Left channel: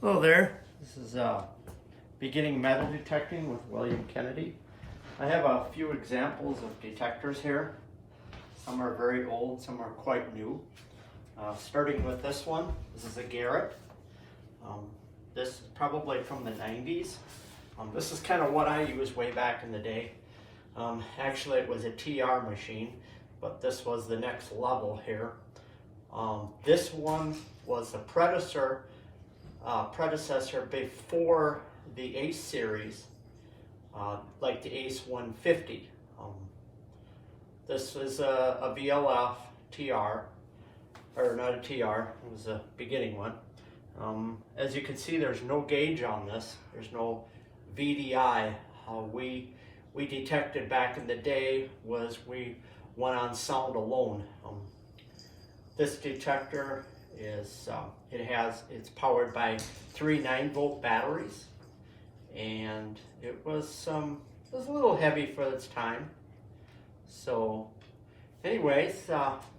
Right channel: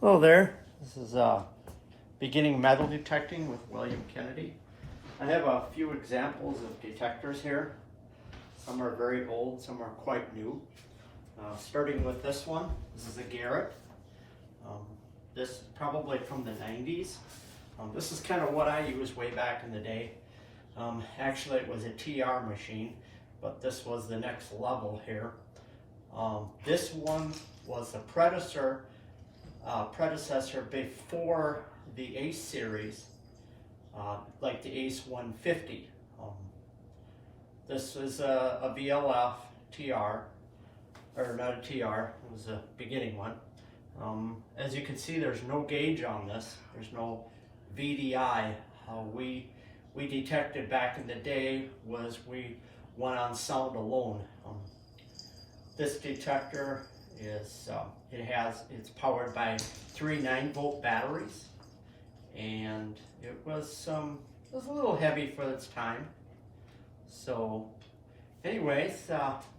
Hello there. This is beginning metal detecting with William Kennedy. I have a few examples of detectors here. Some are very old, some are quite new. Starting with this one, this is a Garrett. This is probably from the 90s. This is kind of what I used way back in the day. Actually, it was a TR machine, but this was the next level here. This one was the predecessor before the Ace series, like the Ace 150. This is a VLF TR, or not a TR, it was a beginning one. As you can see, there's no gauge on this. There's no VDI. How we detected back in the day was we went on sound alone. This detector is it's powered by 3 9-volt batteries, and it was a little heavy for its time. So anyways,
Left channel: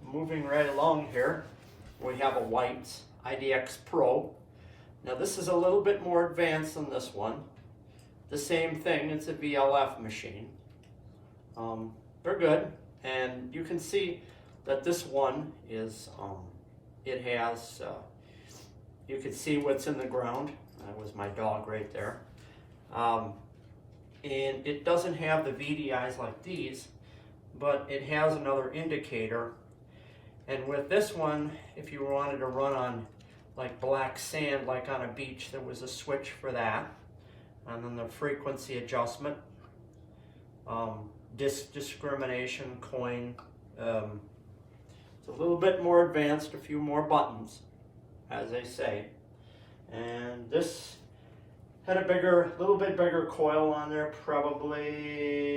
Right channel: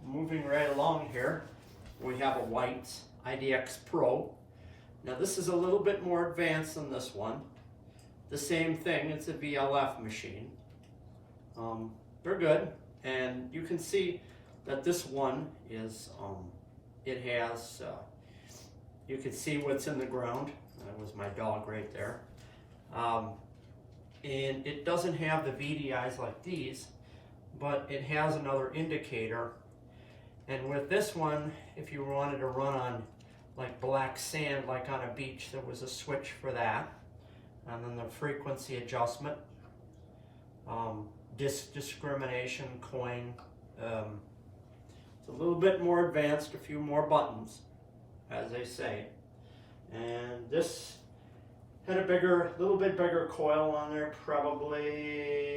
moving right along here, we have a White's IDX Pro. Now this is a little bit more advanced than this one. The same thing, it's a VLF machine. They're good, and you can see that this one is it has, you can see what's in the ground. That was my dog right there. And it doesn't have the VDIs like these, but it has another indicator. And with this one, if you wanted to run on like black sand, like on a beach, there was a switch for that. And then the frequency adjustment, discrimination, coin. It's a little bit more advanced, a few more buttons, as they say. And this had a little bit bigger coil on there, probably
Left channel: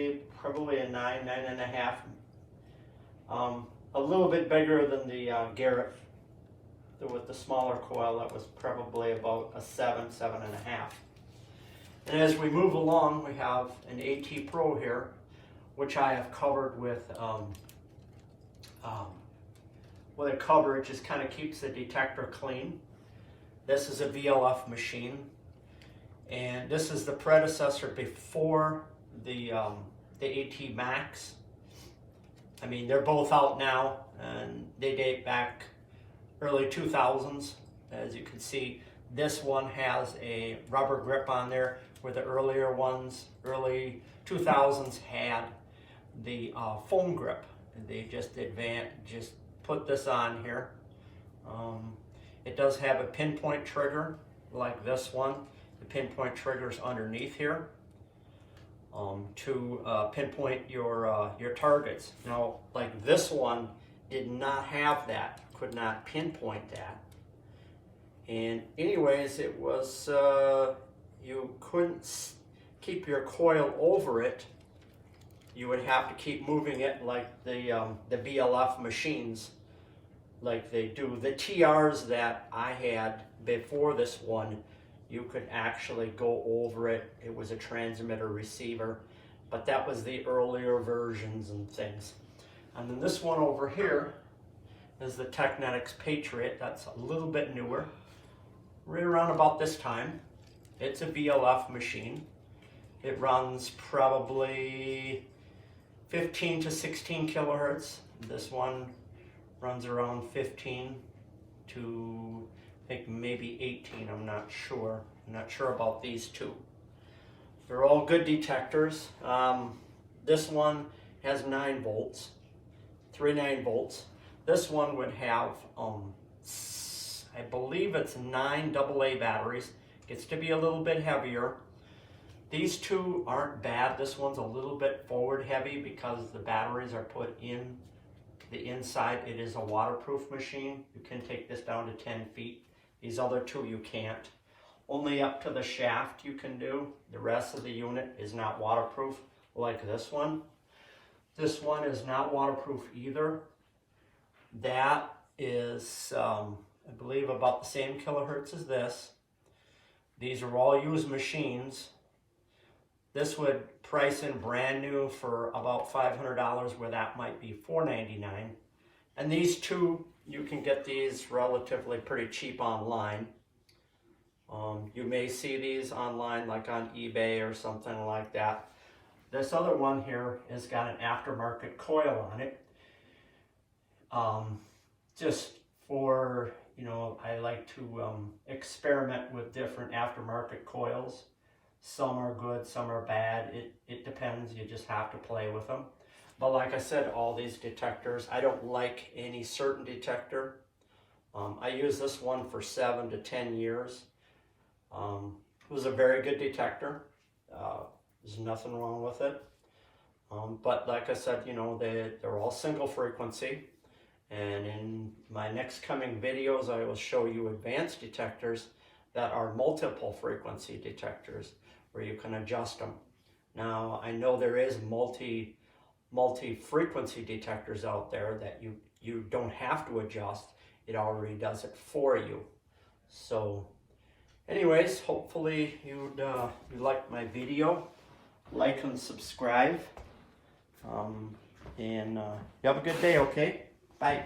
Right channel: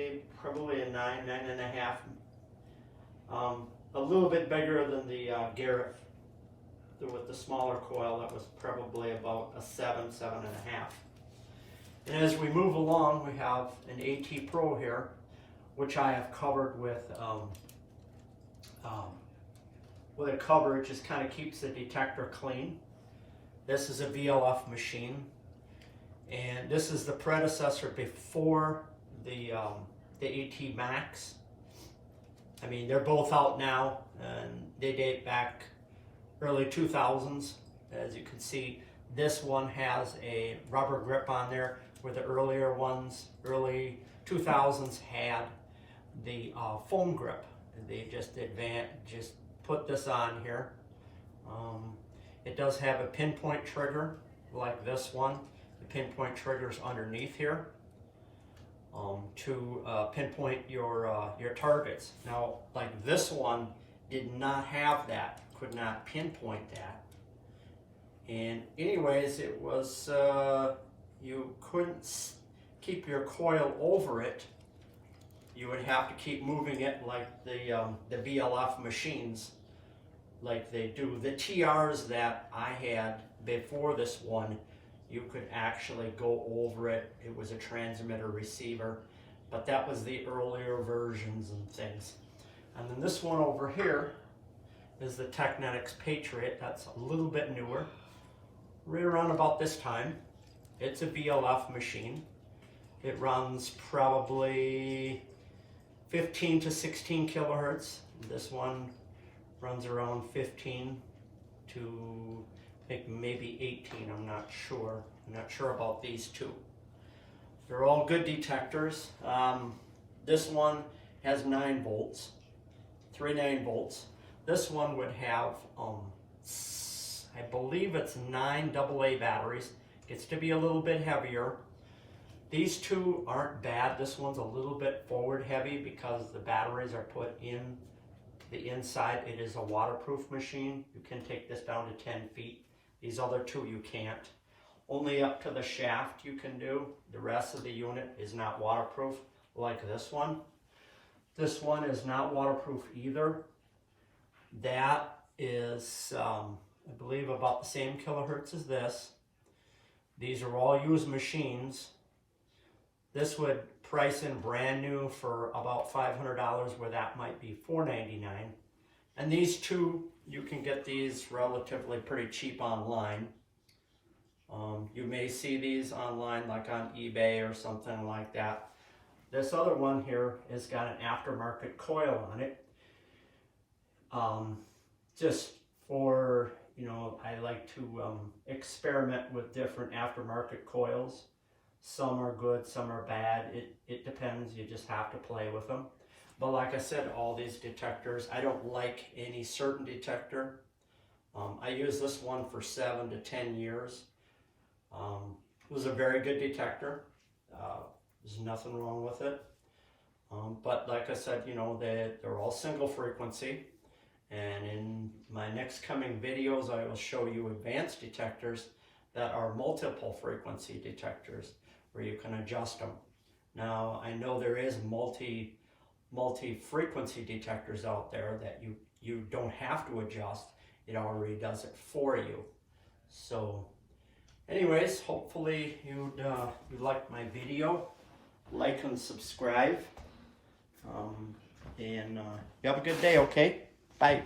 a 9.5. A little bit bigger than the Garrett with the smaller coil. That was probably about a 7.5. And as we move along, we have an AT Pro here, which I have covered with a cover. It just kind of keeps the detector clean. This is a VLF machine, and this is the predecessor before the AT Max. I mean, they're both out now, and they date back early 2000s. As you can see, this one has a rubber grip on there, where the earlier ones, early 2000s, had the foam grip. And they just put this on here. It does have a pinpoint trigger like this one. The pinpoint trigger is underneath here to pinpoint your targets. Now, like this one did not have that, could not pinpoint that. And anyways, it was, you couldn't keep your coil over it. You would have to keep moving it like the VLF machines, like they do. The TRs that I had before this one, you could actually go over it. It was a transmitter receiver, but that was the earlier versions and things. And then this one over here is the Technetics Patriot. That's a little bit newer, right around about this time. It's a VLF machine. It runs probably 15 to 16 kilohertz. This one runs around 15 to, I think, maybe 18. I'm not sure. I'm not sure about these two. They're all good detectors. This one has 9 volts, 3 9-volts. This one would have, I believe it's 9 AA batteries. Gets to be a little bit heavier. These two aren't bad. This one's a little bit forward heavy because the batteries are put in the inside. It is a waterproof machine. You can take this down to 10 feet. These other two you can't. Only up to the shaft you can do. The rest of the unit is not waterproof like this one. This one is not waterproof either. That is, I believe, about the same kilohertz as this. These are all used machines. This would price in brand new for about $500, where that might be $499. And these two, you can get these relatively pretty cheap online. You may see these online, like on eBay or something like that. This other one here has got an aftermarket coil on it. Just for, you know, I like to experiment with different aftermarket coils. Some are good, some are bad. It depends. You just have to play with them. But like I said, all these detectors, I don't like any certain detector. I used this one for 7 to 10 years. It was a very good detector. There's nothing wrong with it. But like I said, you know, they're all single frequency. And in my next coming videos, I will show you advanced detectors that are multiple frequency detectors where you can adjust them. Now, I know there is multi-frequency detectors out there that you don't have to adjust. It already does it for you. So anyways, hopefully you liked my video. Like and subscribe. You have a good day, okay? Bye.